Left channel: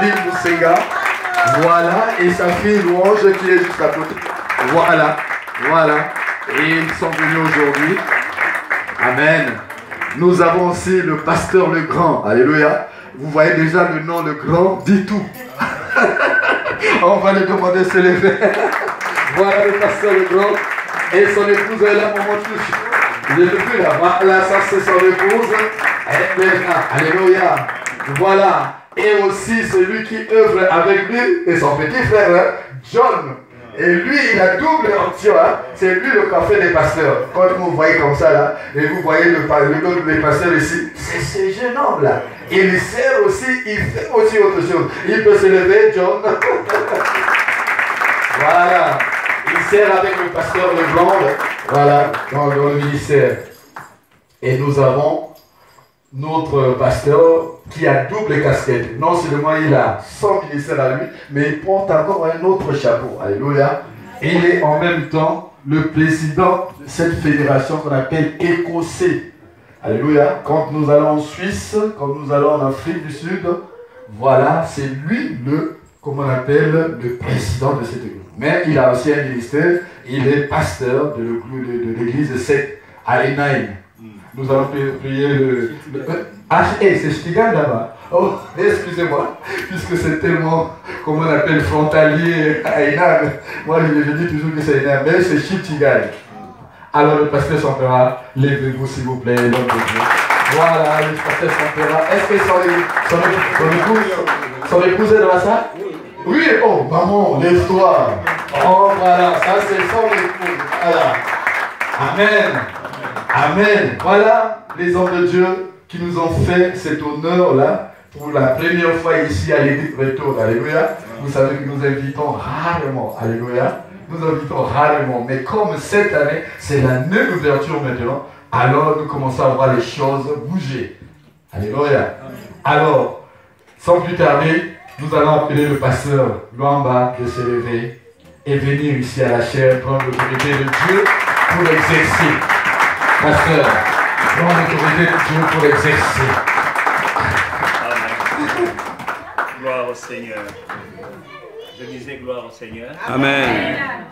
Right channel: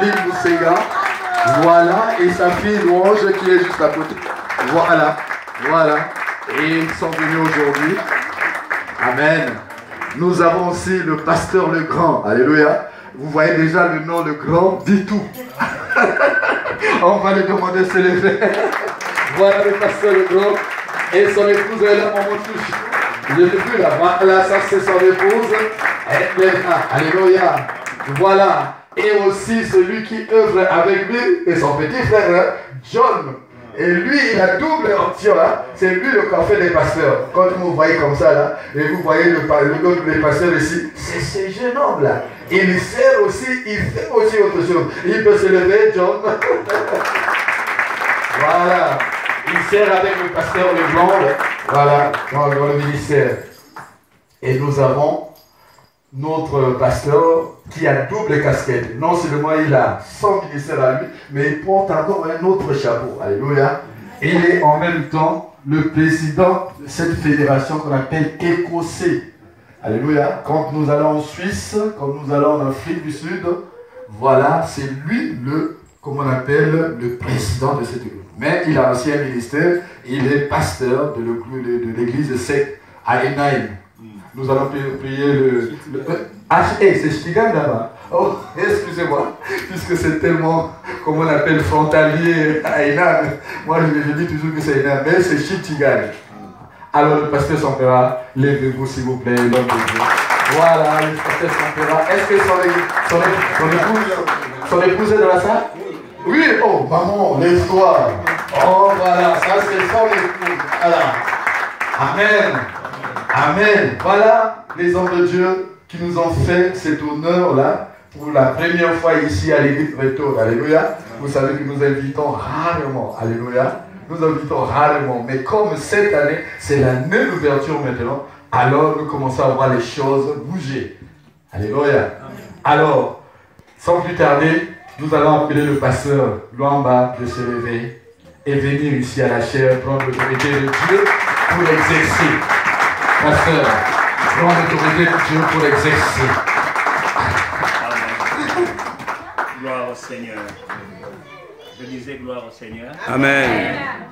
Bible Moussega. Voilà, et sa fille Louange qui est juste à côté. Voilà, voilà. Et ils sont venus aujourd'hui. Amen. Nous avons aussi le pasteur Le Grand. Alléluia. Vous voyez déjà le nom Le Grand, dit tout. On va lui demander de se lever. Voilà le pasteur Le Grand. Et son épouse est là, maman touche. Je ne plus là. Voilà, ça c'est son épouse. Alléluia. Voilà. Et aussi celui qui œuvre avec lui et son petit frère, John. Et lui, il a double option. Hein? C'est lui le café des pasteurs. Quand vous voyez comme ça, là, et vous voyez le pasteur ici, c'est ce jeune homme là. Il sert aussi, il fait aussi autre chose. Il peut se lever, John. Voilà. Il sert avec le pasteur Leblanc, voilà, dans le ministère. Et nous avons notre pasteur qui a double casquette. Non seulement il a son ministère à lui, mais il porte encore un autre chapeau. Alléluia. Et il est en même temps le président de cette fédération qu'on appelle Écossais. Alléluia. Quand nous allons en Suisse, quand nous allons en Afrique du Sud, voilà, c'est lui comme on appelle, le président de cette église. Mais il a aussi un ministère, il est pasteur de l'église de Seth à Enaïm. Nous allons prier c'est Stigal là-bas. Oh, excusez-moi, puisque c'est tellement, comme on appelle, frontalier à Enaïm. Moi, je dis toujours que c'est Enaïm, mais c'est Stigal. Alors, le pasteur Sampera, levez-vous s'il vous plaît, l'homme de Dieu. Voilà, le pasteur Sampera. Est-ce que son épouse est dans la salle? Oui, oh, maman, lève-toi. Oh, voilà, ça c'est son épouse. Voilà. Amen. Amen. Voilà les hommes de Dieu qui nous ont fait cet honneur-là pour la première fois ici à l'église Retour. Alléluia. Vous savez que nous invitons rarement. Alléluia. Nous invitons rarement. Mais comme cette année, c'est la nouvelle ouverture maintenant, alors nous commençons à voir les choses bouger. Alléluia. Alors, sans plus tarder, nous allons appeler le pasteur Luamba de se lever et venir ici à la chaire prendre l'autorité de Dieu pour exercer. Pasteur, prendre l'autorité de Dieu pour exercer. Amen. Gloire au Seigneur. Je disais gloire au Seigneur. Amen.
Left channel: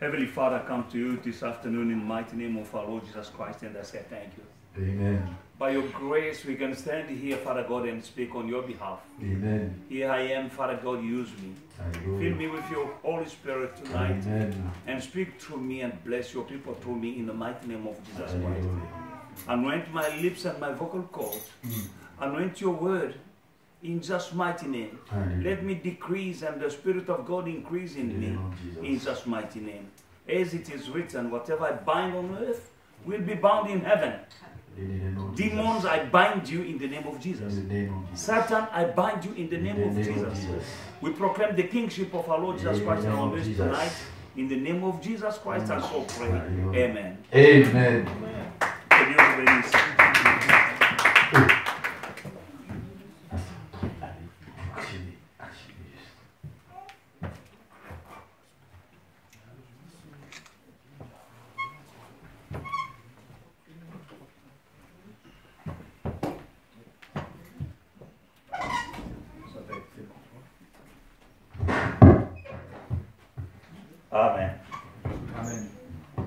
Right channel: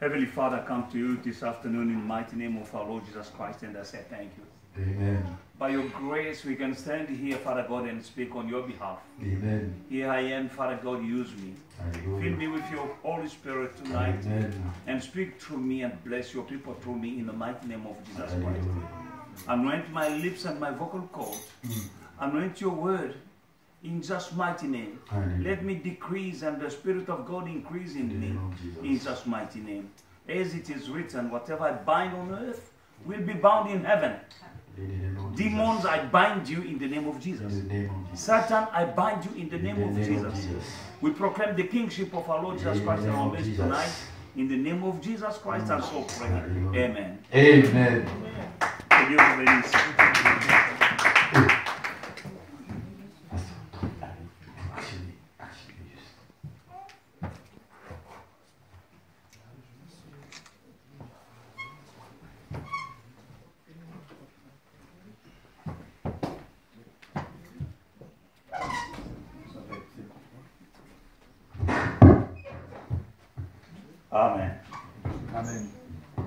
Heavenly Father, I come to you this afternoon in the mighty name of our Lord Jesus Christ, and I say thank you. Amen. By your grace, we can stand here, Father God, and speak on your behalf. Amen. Here I am, Father God, use me. Hallelujah. Fill me with your Holy Spirit tonight. Amen. And speak through me and bless your people through me in the mighty name of Jesus Christ. Hallelujah. Anoint my lips and my vocal cords. Anoint your word in just mighty name. Hallelujah. Let me decrease and the Spirit of God increase in me in just mighty name. As it is written, whatever I bind on earth will be bound in heaven. Demons, I bind you in the name of Jesus. Satan, I bind you in the name of Jesus. We proclaim the kingship of our Lord Jesus Christ in our midst tonight. In the name of Jesus Christ, I so pray. Amen. Amen. Que Dieu vous bénisse. Amen. Amen.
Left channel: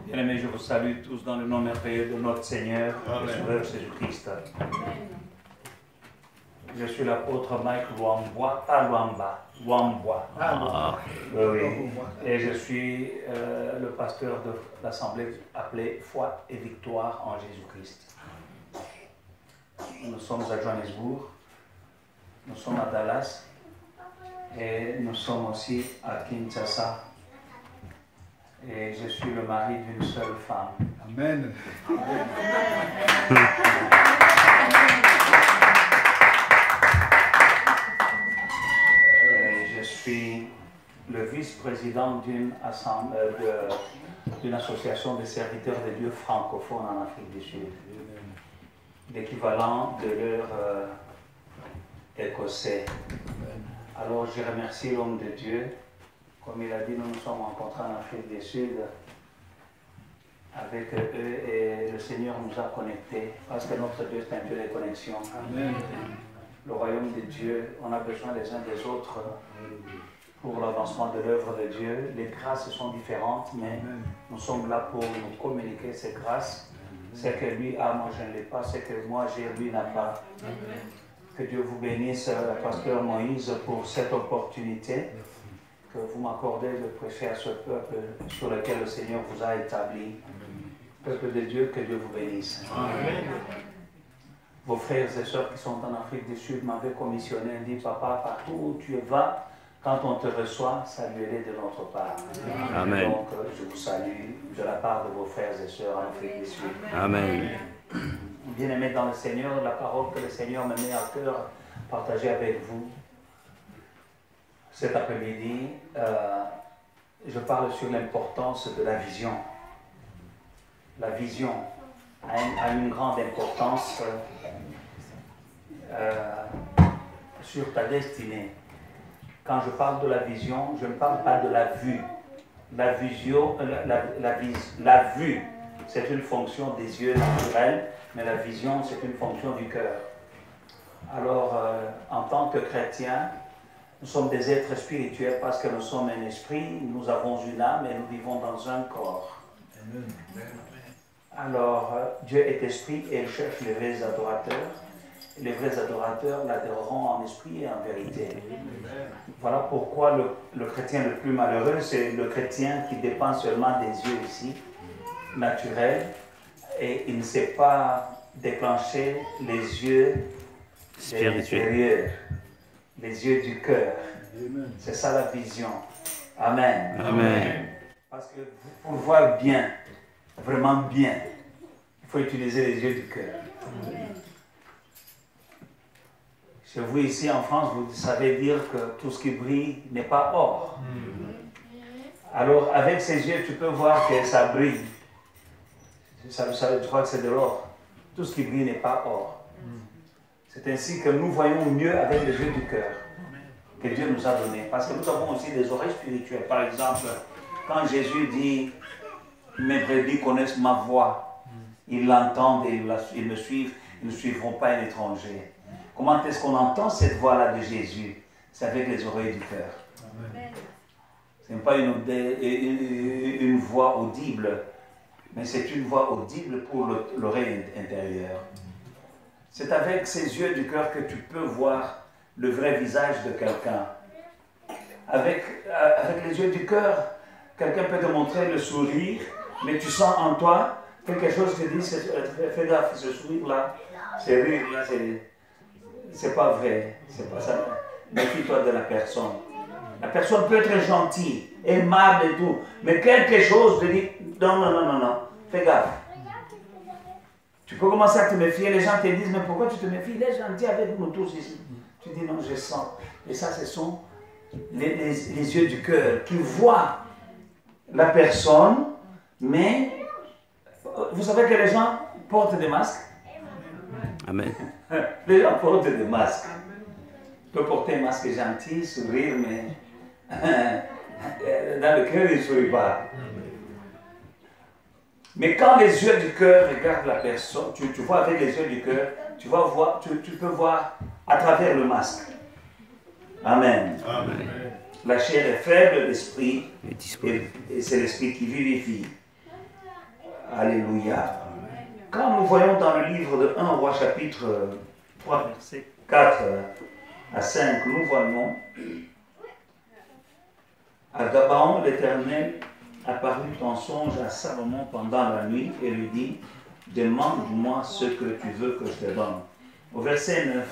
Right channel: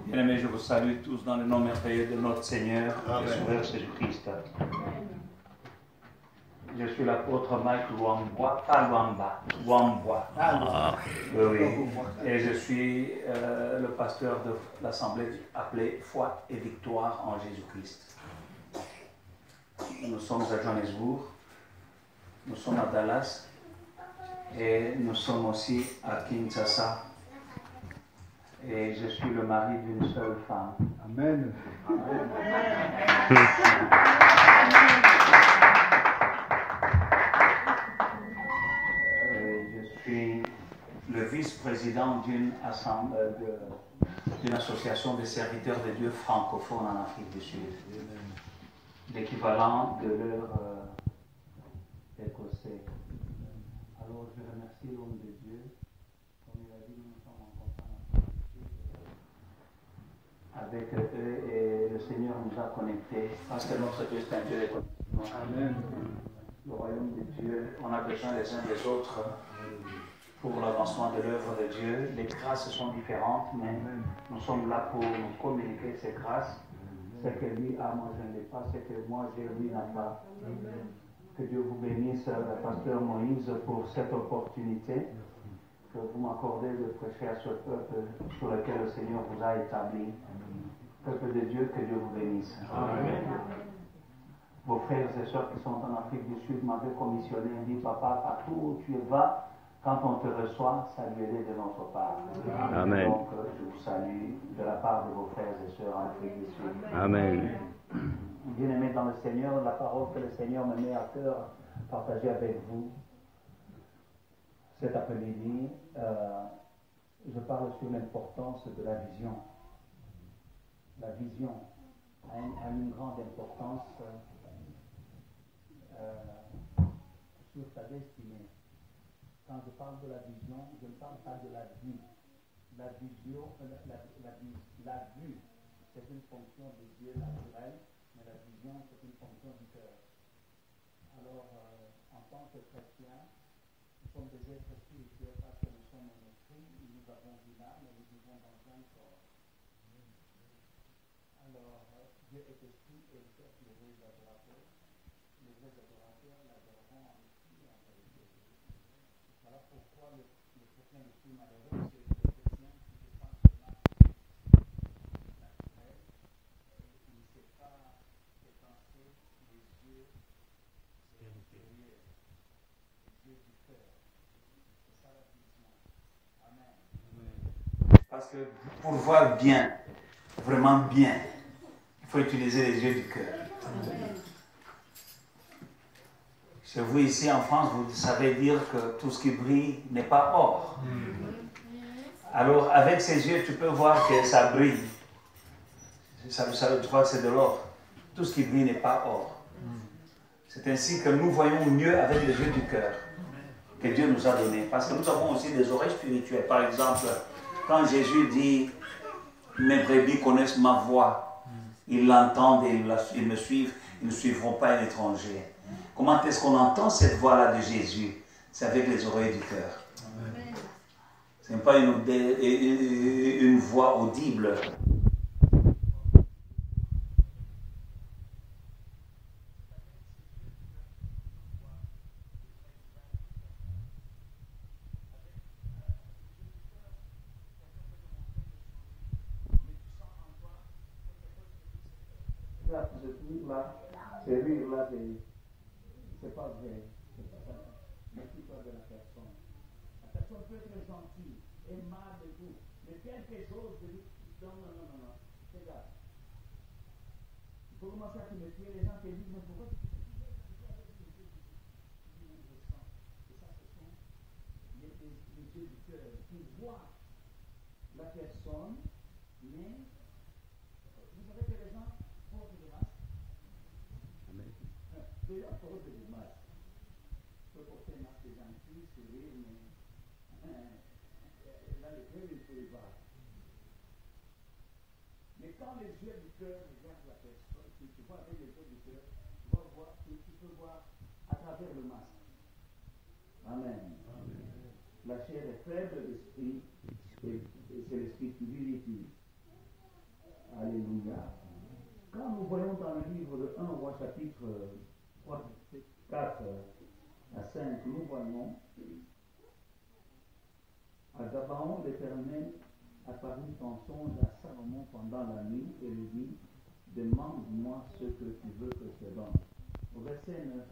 Bien-aimés, je vous salue tous dans le nom merveilleux de notre Seigneur et Sauveur Jésus-Christ. Je suis l'apôtre Mike Luamba, pas Luamba, Luamba. Oui. Et je suis le pasteur de l'assemblée appelée Foi et Victoire en Jésus-Christ. Nous sommes à Johannesburg, nous sommes à Dallas et nous sommes aussi à Kinshasa. Et je suis le mari d'une seule femme. Amen. Et je suis le vice-président d'une association de serviteurs de Dieu francophones en Afrique du Sud. L'équivalent de leur écossais. Alors je remercie l'homme de Dieu. Comme il a dit, nous nous sommes rencontrés en Afrique du Sud avec eux et le Seigneur nous a connectés parce que notre Dieu est un Dieu de connexion. Amen. Le royaume de Dieu, on a besoin les uns des autres pour l'avancement de l'œuvre de Dieu. Les grâces sont différentes, mais nous sommes là pour nous communiquer ces grâces. Ce que lui a, moi je ne l'ai pas. Ce que moi j'ai, lui n'a pas. Que Dieu vous bénisse, pasteur Moïse, pour cette opportunité que vous m'accordez de prêcher à ce peuple sur lequel le Seigneur vous a établi. Peuple de Dieu, que Dieu vous bénisse. Amen. Vos frères et sœurs qui sont en Afrique du Sud m'avaient commissionné et dit, papa, partout où tu vas, quand on te reçoit, saluez-les de notre part. Amen. Donc, je vous salue de la part de vos frères et sœurs en Afrique du Sud. Amen. Bien-aimés dans le Seigneur, la parole que le Seigneur me met à cœur, partager avec vous cet après-midi, je parle sur l'importance de la vision. La vision a une grande importance sur ta destinée. Quand je parle de la vision, je ne parle pas de la vue. La vision, la vue, c'est une fonction des yeux naturels, mais la vision, c'est une fonction du cœur. Alors, en tant que chrétiens, nous sommes des êtres spirituels parce que nous sommes un esprit, nous avons une âme et nous vivons dans un corps. Alors, Dieu est esprit et il cherche les vrais adorateurs. Les vrais adorateurs l'adoreront en esprit et en vérité. Voilà pourquoi le chrétien le plus malheureux, c'est le chrétien qui dépend seulement des yeux ici, naturels, et il ne sait pas déclencher les yeux spirituels, les yeux du cœur. C'est ça la vision. Amen. Amen. Parce que pour voir bien, vraiment bien, il faut utiliser les yeux du cœur. Chez vous ici en France, vous savez dire que tout ce qui brille n'est pas or. Alors avec ces yeux, tu peux voir que ça brille. Ça, tu crois que c'est de l'or. Tout ce qui brille n'est pas or. C'est ainsi que nous voyons mieux avec les yeux du cœur que Dieu nous a donné. Parce que nous avons aussi des oreilles spirituelles. Par exemple, quand Jésus dit « Mes brebis connaissent ma voix, ils l'entendent et ils me suivent, ils ne suivront pas un étranger. » Comment est-ce qu'on entend cette voix-là de Jésus? C'est avec les oreilles du cœur. Ce n'est pas une voix audible, mais c'est une voix audible pour l'oreille intérieure. C'est avec ces yeux du cœur que tu peux voir le vrai visage de quelqu'un. Avec les yeux du cœur, quelqu'un peut te montrer le sourire, mais tu sens en toi quelque chose qui te dit, fais gaffe, ce sourire-là, ce rire-là, c'est pas vrai, c'est pas ça. Méfie-toi de la personne. La personne peut être gentille, aimable et tout, mais quelque chose te dit, non, fais gaffe. Tu peux commencer à te méfier, les gens te disent, mais pourquoi tu te méfies? Les gens disent avec nous tous ici. Tu dis, non, je sens. Et ça, ce sont les yeux du cœur qui voient la personne, mais vous savez que les gens portent des masques. Amen. Les gens portent des masques. Tu peux porter un masque gentil, sourire, mais dans le cœur, il ne sourit pas. Mais quand les yeux du cœur regardent la personne, tu vois avec les yeux du cœur, tu peux voir à travers le masque. Amen. Amen. La chair est faible, l'esprit, et c'est l'esprit qui vivifie. Alléluia. Quand nous voyons dans le livre de 1 Roi chapitre 3, verset 4 à 5, nous voyons à Gabaon, l'Éternel apparut en songe à Salomon pendant la nuit et lui dit, demande-moi ce que tu veux que je te donne. Au verset 9,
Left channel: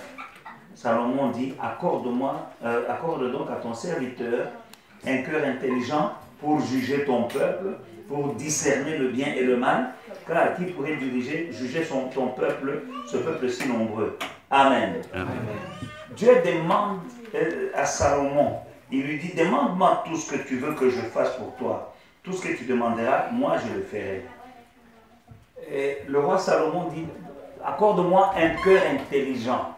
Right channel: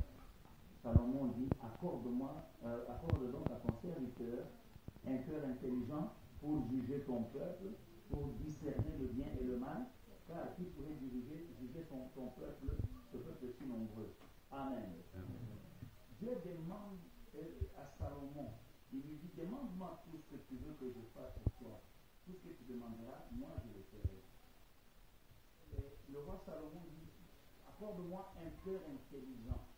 Salomon dit, accorde donc à ton serviteur un cœur intelligent pour juger ton peuple, pour discerner le bien et le mal, car qui pourrait juger ton peuple, ce peuple si nombreux. Amen. Amen. Dieu demande à Salomon, il lui dit, demande-moi tout ce que tu veux que je fasse pour toi. Tout ce que tu demanderas, moi je le ferai. Et le roi Salomon dit, accorde-moi un cœur intelligent,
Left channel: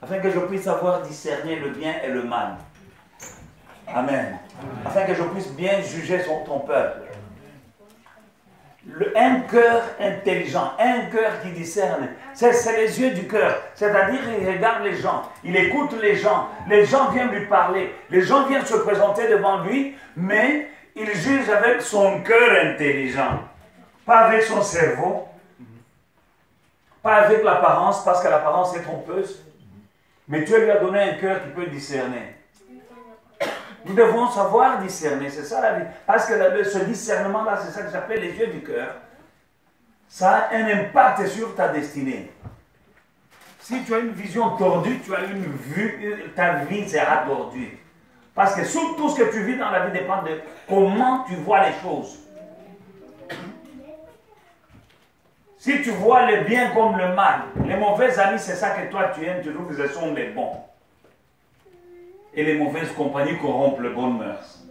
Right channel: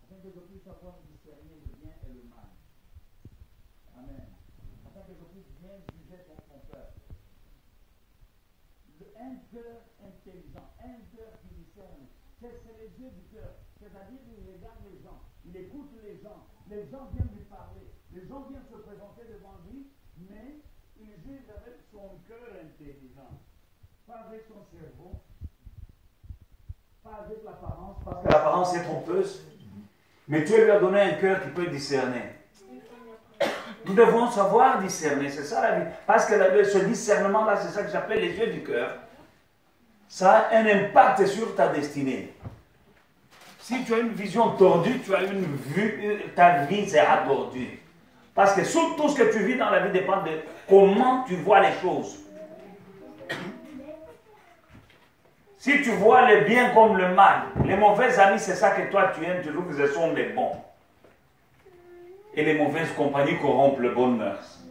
afin que je puisse savoir discerner le bien et le mal. Amen. Afin que je puisse bien juger ton peuple. un cœur intelligent, un cœur qui discerne. C'est les yeux du cœur. C'est-à-dire, il regarde les gens, il écoute les gens viennent lui parler, les gens viennent se présenter devant lui, mais il juge avec son cœur intelligent, pas avec son cerveau, pas avec l'apparence, parce que l'apparence est trompeuse. Mais Dieu lui a donné un cœur qui peut discerner. Nous devons savoir discerner, c'est ça la vie. Parce que ce discernement-là, c'est ça que j'appelle les yeux du cœur. Ça a un impact sur ta destinée. Si tu as une vision tordue, tu as une vue, ta vie sera tordue. Parce que tout ce que tu vis dans la vie dépend de comment tu vois les choses. Si tu vois le bien comme le mal, les mauvais amis, c'est ça que toi tu aimes, tu trouves que ce sont les bons. Et les mauvaises compagnies corrompent le bon mœurs.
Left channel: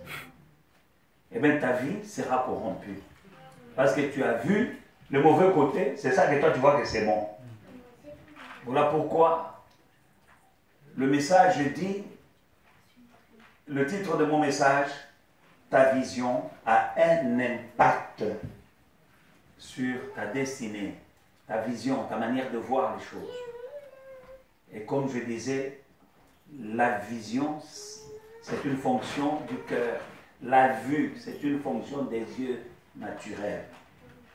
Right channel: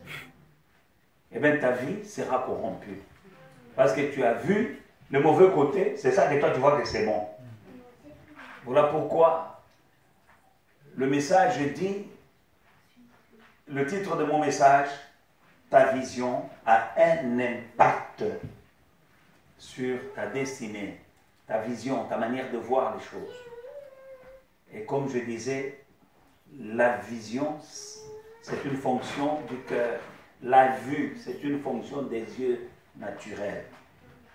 Eh bien, ta vie sera corrompue. Parce que tu as vu le mauvais côté, c'est ça que toi tu vois que c'est bon. Voilà pourquoi le message dit, le titre de mon message, ta vision a un impact sur ta destinée, ta vision, ta manière de voir les choses. Et comme je disais, la vision, c'est une fonction du cœur. La vue, c'est une fonction des yeux naturels.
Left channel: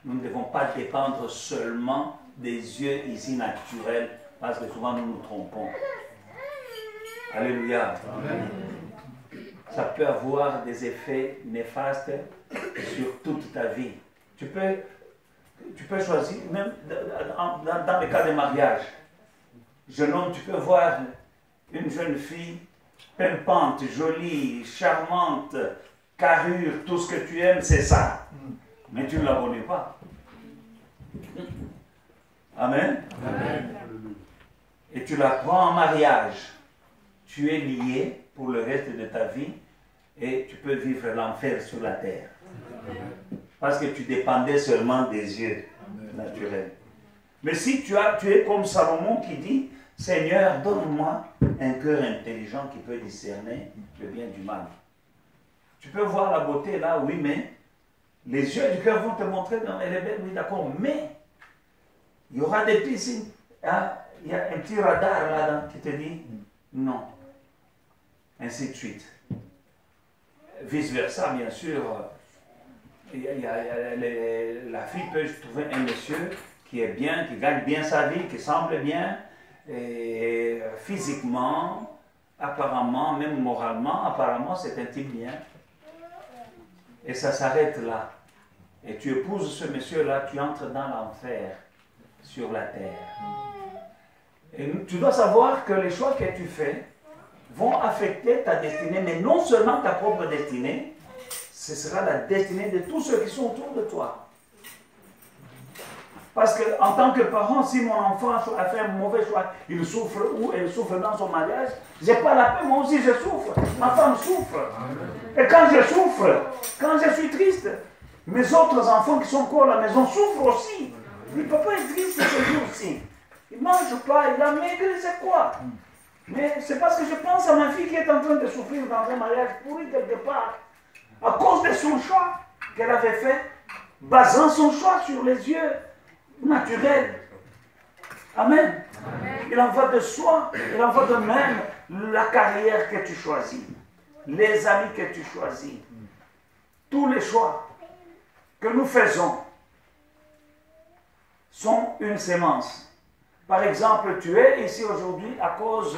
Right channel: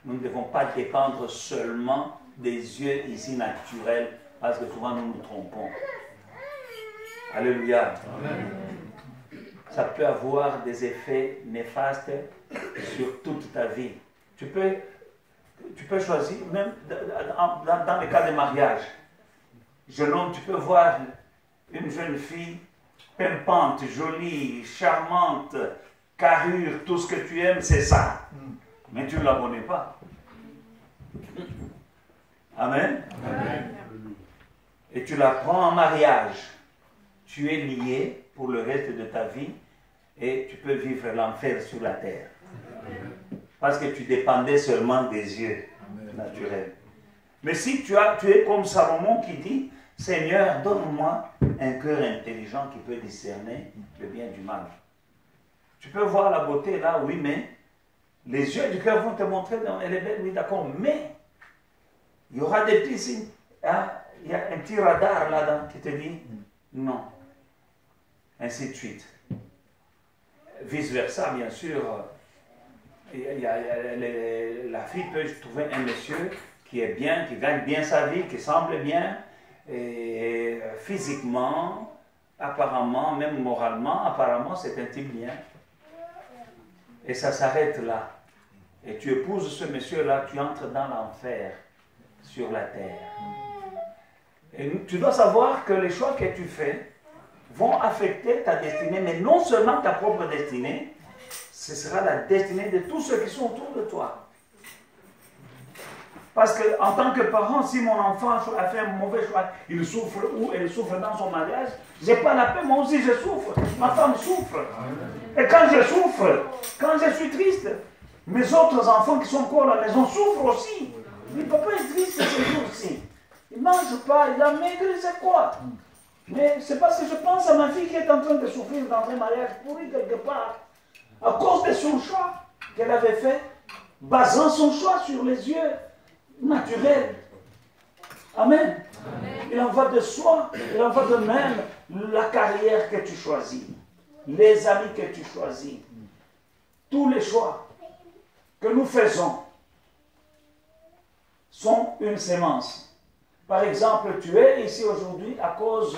Nous ne devons pas dépendre seulement des yeux ici naturels, parce que souvent nous nous trompons. Alléluia. Amen. Ça peut avoir des effets néfastes sur toute ta vie. Tu peux choisir, même dans les cas de mariage, jeune homme, tu peux voir une jeune fille pimpante, jolie, charmante, carrure, tout ce que tu aimes, c'est ça. Mais tu ne la connais pas. Amen. Amen. Et tu la prends en mariage. Tu es lié pour le reste de ta vie et tu peux vivre l'enfer sur la terre. Parce que tu dépendais seulement des yeux naturels. Mais si tu es comme Salomon qui dit, Seigneur, donne-moi un cœur intelligent qui peut discerner le bien du mal. Tu peux voir la beauté là, oui, mais les yeux du cœur vont te montrer, elle est belle, oui, d'accord, mais il y aura des petits signes. Hein? Il y a un petit radar là-dedans qui te dit non. Ainsi de suite. Vice-versa, bien sûr. La fille peut trouver un monsieur qui est bien, qui gagne bien sa vie, qui semble bien, et physiquement, apparemment, même moralement, apparemment, c'est un type bien. Et ça s'arrête là. Et tu épouses ce monsieur-là, tu entres dans l'enfer sur la terre. Et tu dois savoir que les choix que tu fais vont affecter ta destinée, mais non seulement ta propre destinée, ce sera la destinée de tous ceux qui sont autour de toi. Parce qu'en tant que parent, si mon enfant a fait un mauvais choix, il souffre ou elle souffre dans son mariage, je n'ai pas la paix, moi aussi je souffre, ma femme souffre. Et quand je souffre, quand je suis triste, mes autres enfants qui sont encore à la maison souffrent aussi. Le papa est triste ce jour-ci. Il ne mange pas, il a maigri, c'est quoi? Mais c'est parce que je pense à ma fille qui est en train de souffrir dans un mariage pourri quelque part, à cause de son choix qu'elle avait fait, basant son choix sur les yeux naturels. Amen. Amen. Il en va de soi, il en va de même la carrière que tu choisis, les amis que tu choisis, tous les choix que nous faisons sont une sémence. Par exemple, tu es ici aujourd'hui à cause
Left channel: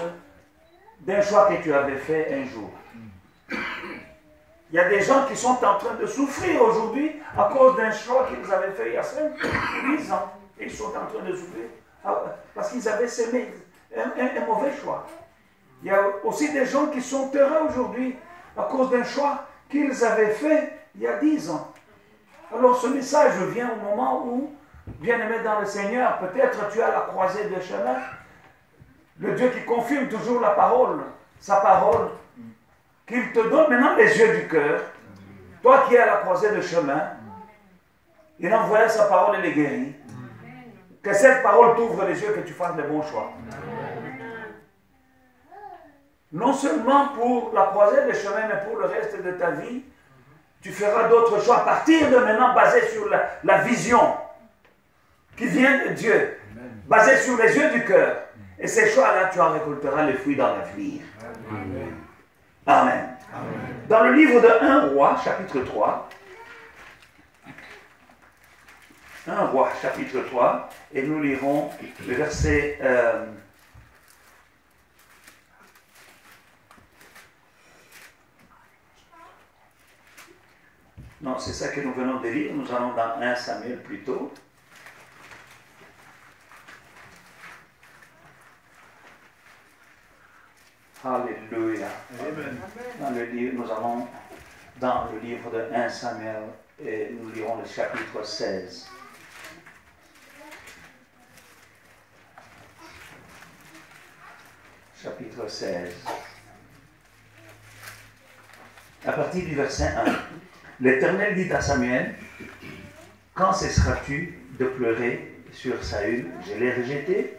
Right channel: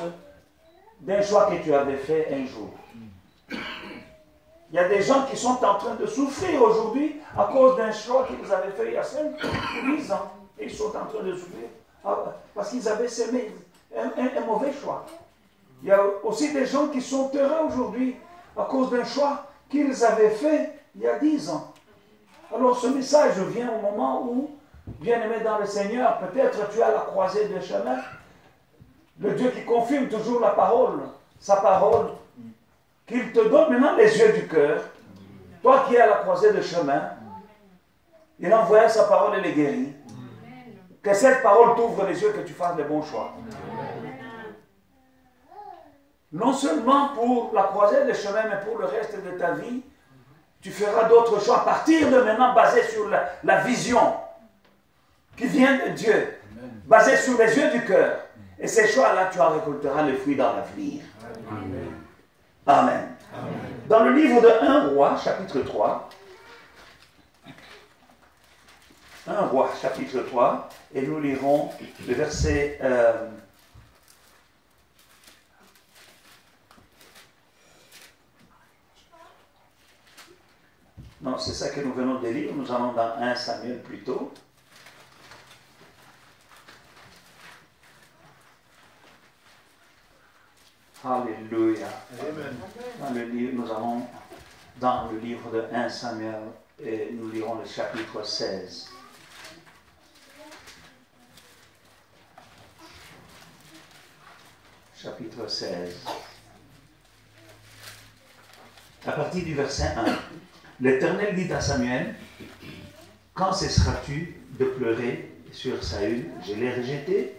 d'un choix que tu avais fait un jour. Il y a des gens qui sont en train de souffrir aujourd'hui à cause d'un choix qu'ils avaient fait il y a 5 ou 10 ans. Et ils sont en train de souffrir parce qu'ils avaient semé un mauvais choix. Il y a aussi des gens qui sont heureux aujourd'hui à cause d'un choix qu'ils avaient fait il y a 10 ans. Alors ce message vient au moment où, bien-aimé dans le Seigneur, peut-être tu es à la croisée des chemins. Le Dieu qui confirme toujours la parole, sa parole, qu'il te donne maintenant les yeux du cœur. Toi qui es à la croisée des chemins, il envoie sa parole et les guérit. Que cette parole t'ouvre les yeux, que tu fasses les bons choix. Non seulement pour la croisée des chemins, mais pour le reste de ta vie, Tu feras d'autres choix à partir de maintenant basés sur la vision qui vient de Dieu, basée sur les yeux du cœur. Et ces choix-là, tu en récolteras les fruits dans l'avenir. Amen. Amen. Dans le livre de 1 Roi, chapitre 3, 1 Roi, chapitre 3, et nous lirons le verset... Non, c'est ça que nous venons de lire. Nous allons dans 1 Samuel plutôt. Alléluia. Amen. Nous allons dans le livre de 1 Samuel et nous lirons le chapitre 16. Chapitre 16. À partir du verset 1. L'Éternel dit à Samuel, « Quand cesseras-tu de pleurer sur Saül? Je l'ai rejeté,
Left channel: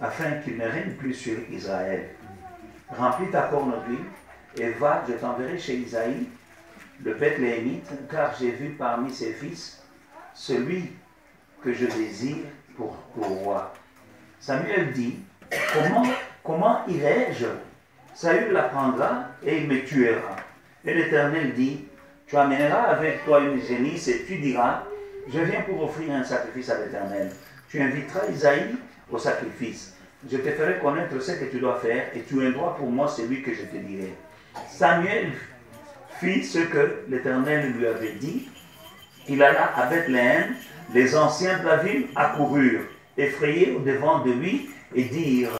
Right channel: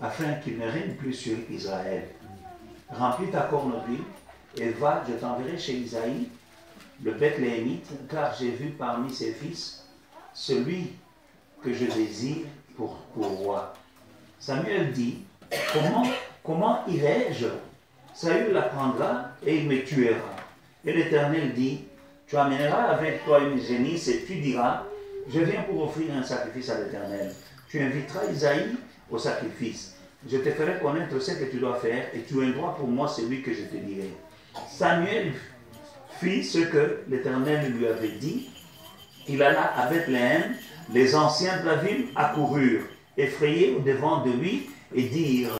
afin qu'il ne règne plus sur Israël. Remplis ta corne d'huile, et va, je t'enverrai chez Isaïe, le Bethléemite, car j'ai vu parmi ses fils celui que je désire pour roi. » Samuel dit, « Comment irai-je? Saül l'apprendra et il me tuera. » Et l'Éternel dit, tu amèneras avec toi une génisse et tu diras, je viens pour offrir un sacrifice à l'Éternel. Tu inviteras Isaïe au sacrifice. Je te ferai connaître ce que tu dois faire et tu indrois pour moi celui que je te dirai. Samuel fit ce que l'Éternel lui avait dit. Il alla à Bethléem. Les anciens de la ville accoururent, effrayés au devant de lui et dirent,